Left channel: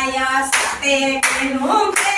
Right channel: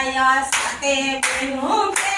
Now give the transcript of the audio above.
માયા સાથે